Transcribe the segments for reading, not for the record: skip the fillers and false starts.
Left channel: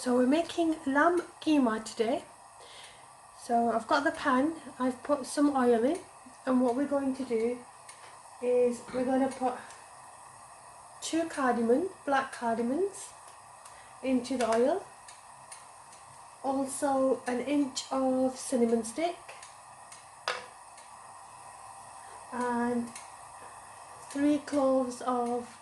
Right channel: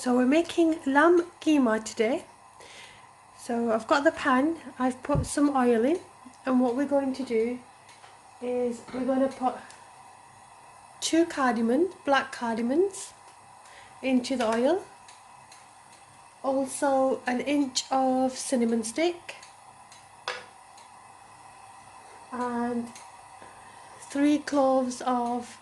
So we're making lamb keema today. So I've got the pan, I've put some oil in, and what we're going to do is we're going to put 2 cardamoms, black cardamons, into the oil. Also an inch of cinnamon stick and 3 cloves of,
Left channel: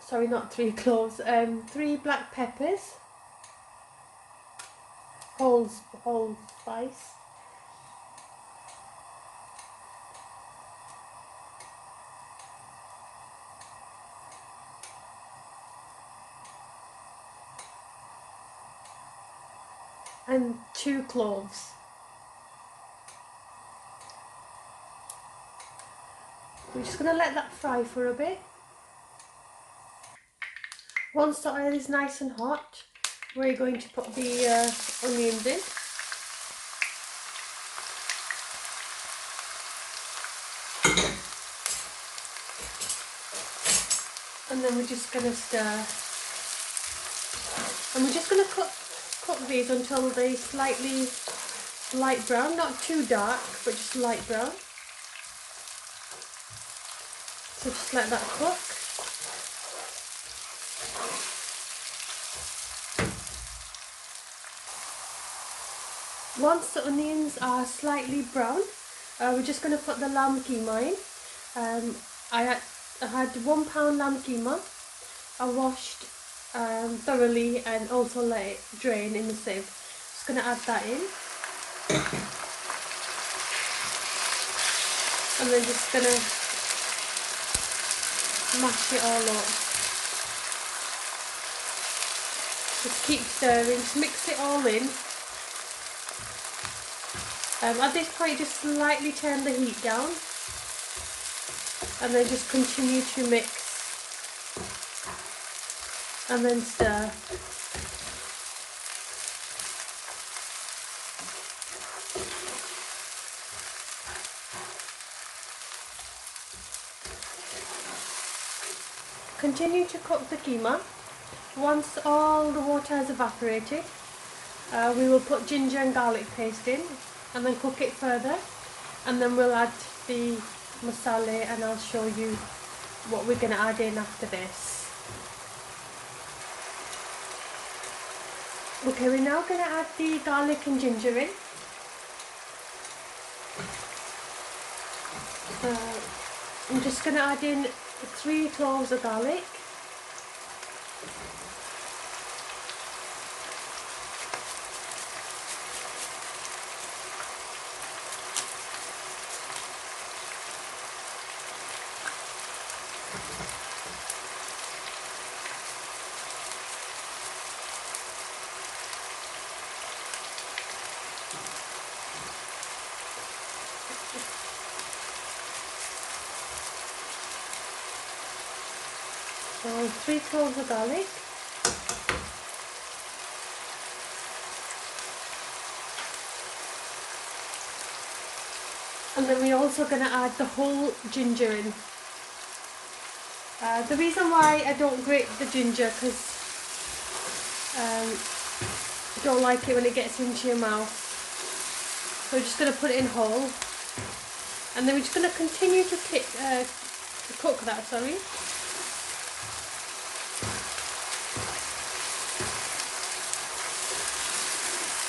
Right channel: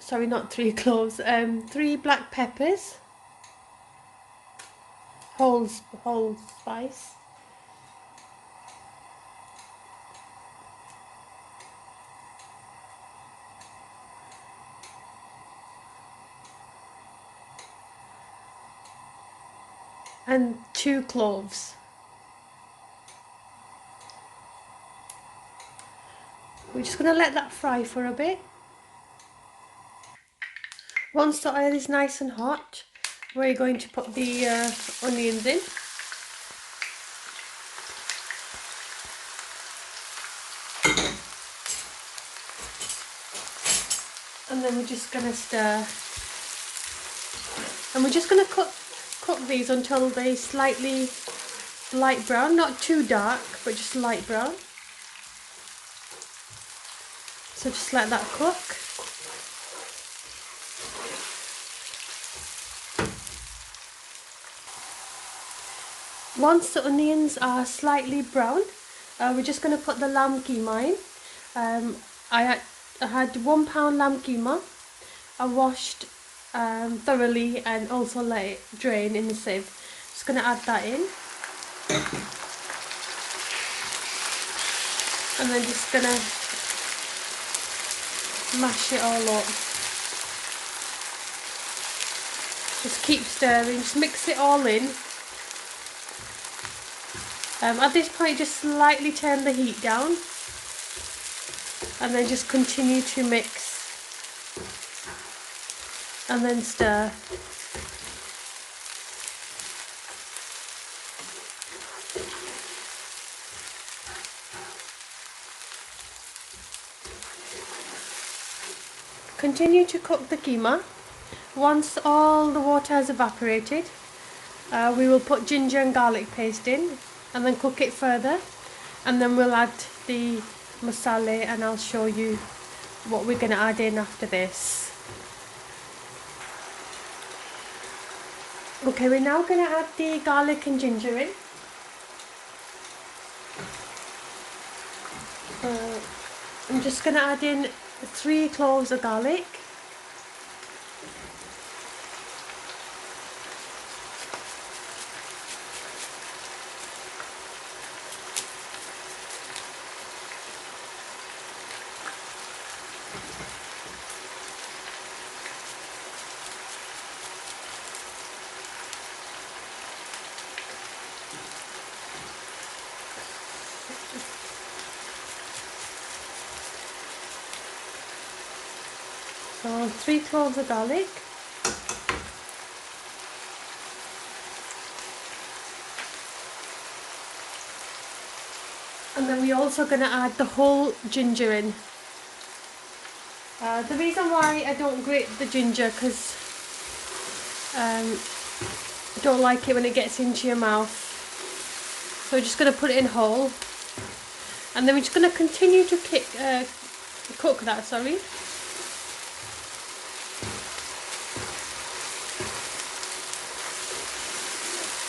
sorry, not 3 cloves, 3 black peppers, whole spice. And 2 cloves. We're just going to let that fry for a bit. Once the oil is nice and hot, we're going to put the onions in. And then we're just going to stir. And we're just going to cook these until they're slightly light brown, not too dark, but just light brown. So just let that cook. Once the onions are slightly brown, we're just going to put the lamb keema in. I had 1 pound lamb keema. I washed thoroughly and also let it drain in the sieve. Just going to add that in. And then just going to mash it all up. Just keep stirring, just mix it all in. At this point, just slightly turn the heat down and then just continue to mix and then stir. Continue to cook the keema. Once all the water has evaporated, we will put ginger and garlic paste in and then cook it further, and then we'll add the masala and I'll show you what we're going to add in after this. Okay, we're now going to add the garlic and ginger in. I'm just going to add in 3 cloves of garlic. So 3 cloves of garlic. And then we're also going to add the whole ginger in. The reason why I don't grate the ginger, because I don't like it when it gets into your mouth. So we're just going to put it in whole. And then we're just going to continue to cook that, sorry.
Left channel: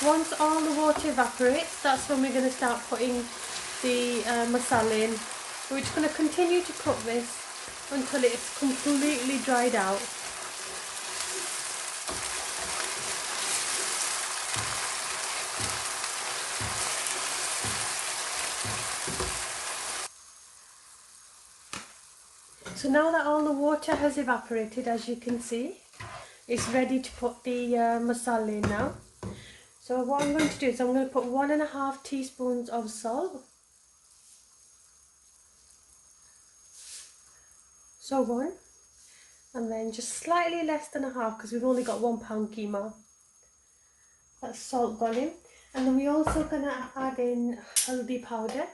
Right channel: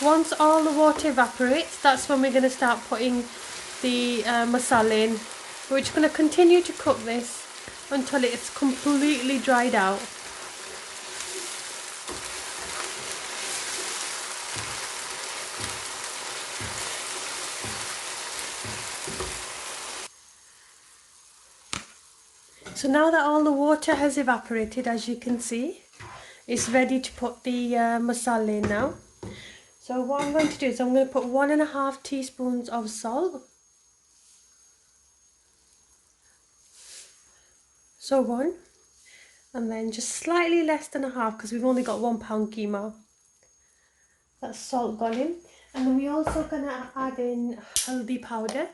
Once all the water evaporates, that's when we're going to start putting the masala in. We're just going to continue to cook this until it's completely dried out. So now that all the water has evaporated, as you can see, it's ready to put the masala in now. So what I'm going to do is I'm going to put 1.5 teaspoons of salt. So 1, and then just slightly less than a half because we've only got 1 pound keema. That's salt gone in. And then we're also going to add in haldi powder.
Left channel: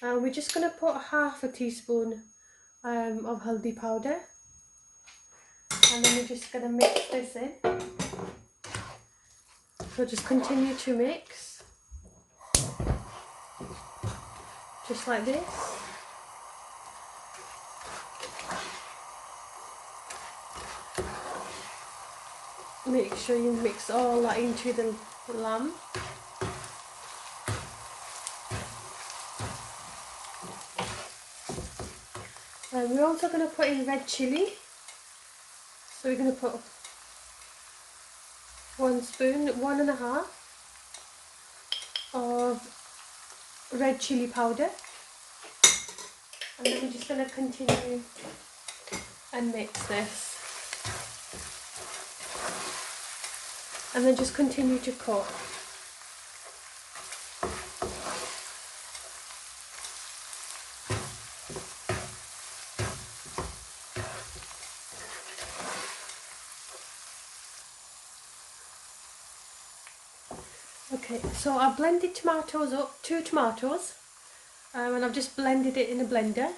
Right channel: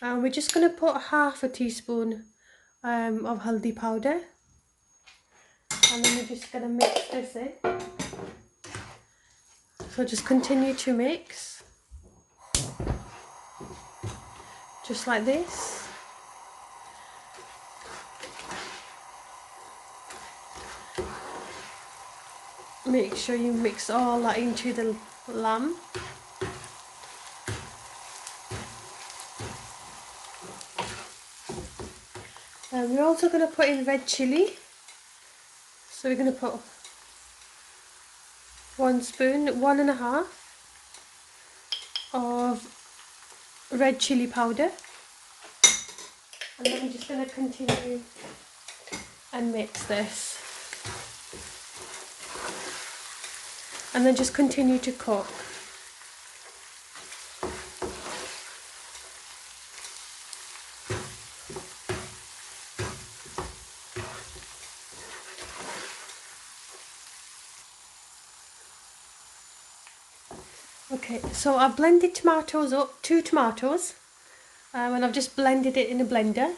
We're just going to put 1/2 teaspoon of haldi powder. And then we're just going to mix this in. So just continue to mix, just like this. Make sure you mix all that into the lamb. And we're also going to put in red chilli. So we're going to put 1 spoon, 1.5 of red chilli powder. And then we're just going to continue and mix this. And then just continue to cook. Okay, so I've blended tomatoes up, 2 tomatoes, and I've just blended it in a blender.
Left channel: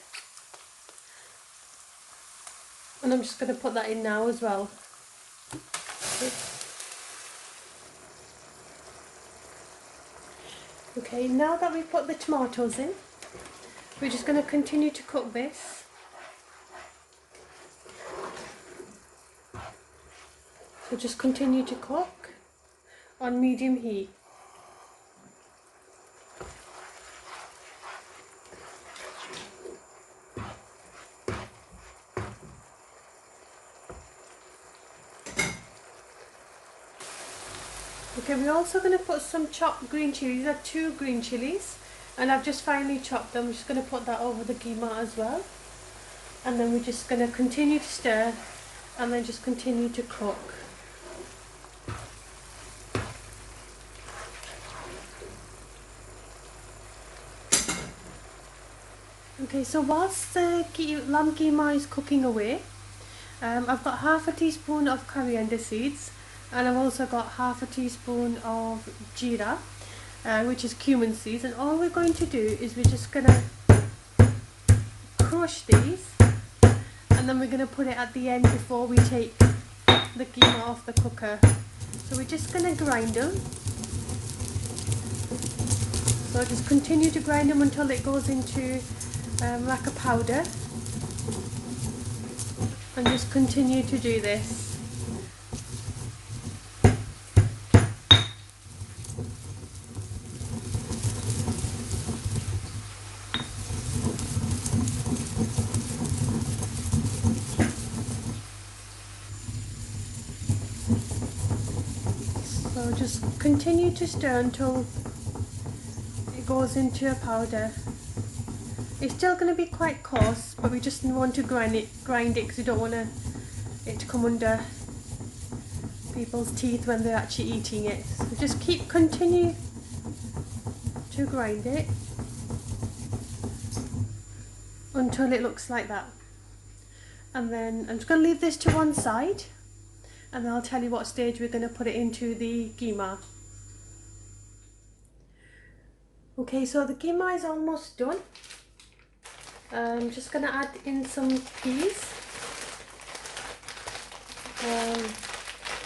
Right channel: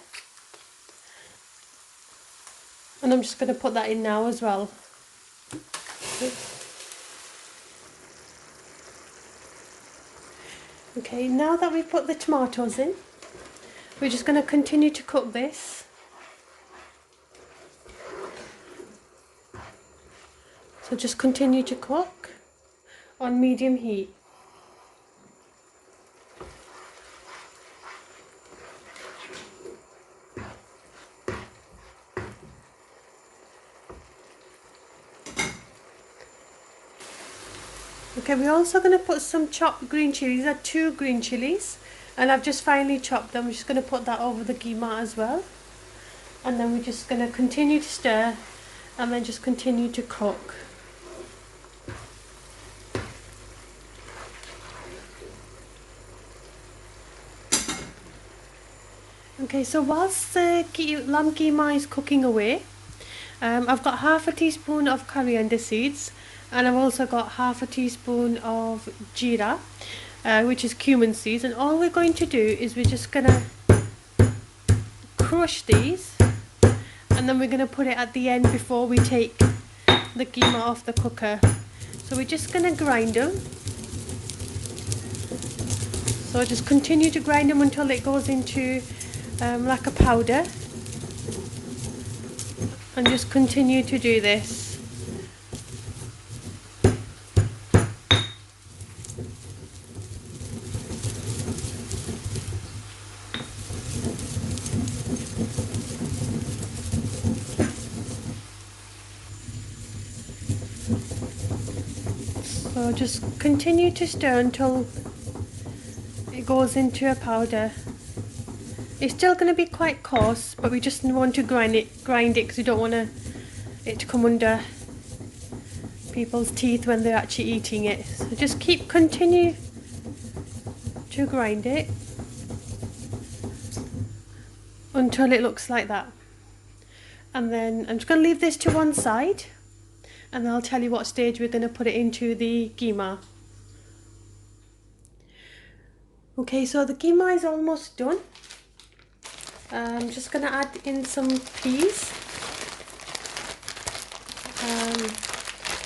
And I'm just going to put that in now as well. Okay, now that we've put the tomatoes in, we're just going to continue to cook this. So just continue to cook on medium heat. Okay, we're also going to put some chopped green chilies. These are 2 green chilies, and I've just finely chopped them. We're just going to put that over the keema as well. And then we're just going to continue to stir and then just continue to cook. Okay, so whilst the lamb keema is cooking away, I've got half a teaspoon of coriander seeds, and I've also got half a teaspoon of jeera, which is cumin seeds. And all we're going to do is we're just going to crush these, and then we're going to put it at the end before we take the keema off the cooker. So we're just going to grind them. So just continue to grind them until it goes into like a powder, and just continue to do this. So just continue to stir until it goes into a powder. It's still going to be quite coarse, but we just want to grind it because we don't want it to come under people's teeth when they're actually eating it. So just continue to grind it until it looks like that. And then I'm just going to leave this to one side, and then I'll tell you what stage we're going to put it into the keema. Okay, so the keema is almost done. I'm just going to add in some peas.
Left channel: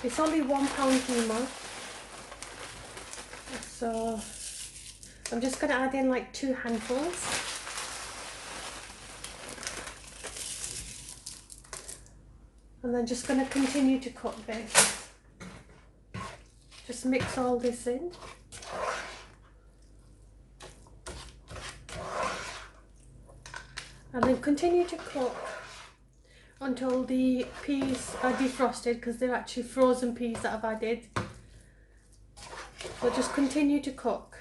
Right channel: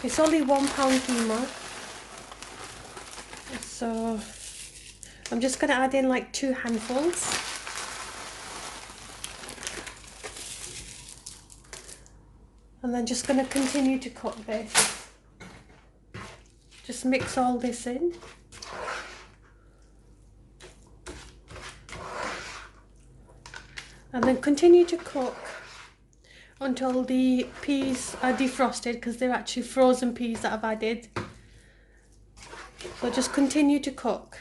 It's only £1 keema, so I'm just going to add in like 2 handfuls. And then just going to continue to cook this. Just mix all this in. And then continue to cook until the peas are defrosted, because they're actually frozen peas that I've added. So just continue to cook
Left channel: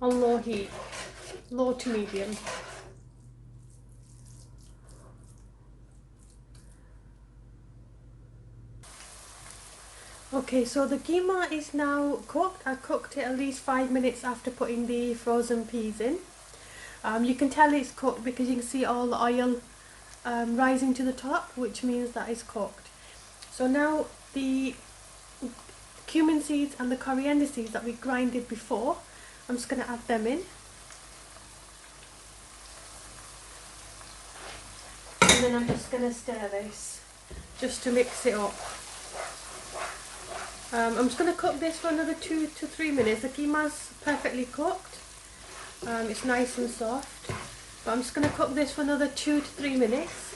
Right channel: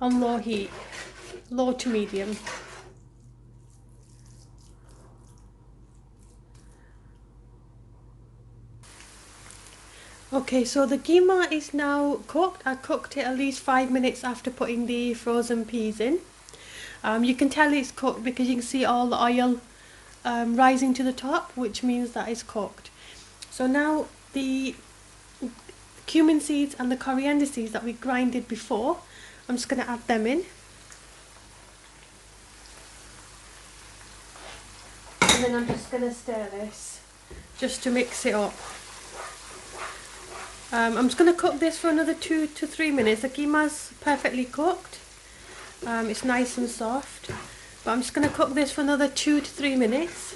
on low heat, low to medium. Okay, so the keema is now cooked. I cooked it at least 5 minutes after putting the frozen peas in. You can tell it's cooked because you can see all the oil rising to the top, which means that it's cooked. So now the cumin seeds and the coriander seeds that we grinded before, I'm just going to add them in. And then I'm just going to stir this just to mix it up. I'm just going to cook this for another 2 to 3 minutes. The keema's perfectly cooked. It's nice and soft. But I'm just going to cook this for another 2 to 3 minutes.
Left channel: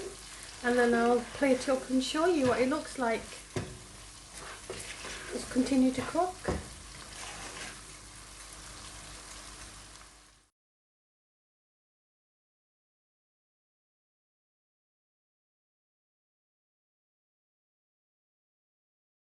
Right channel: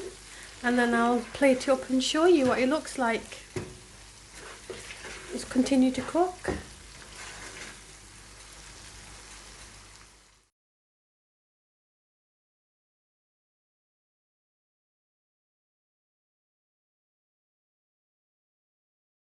And then I'll plate it up and show you what it looks like. Just continue to cook.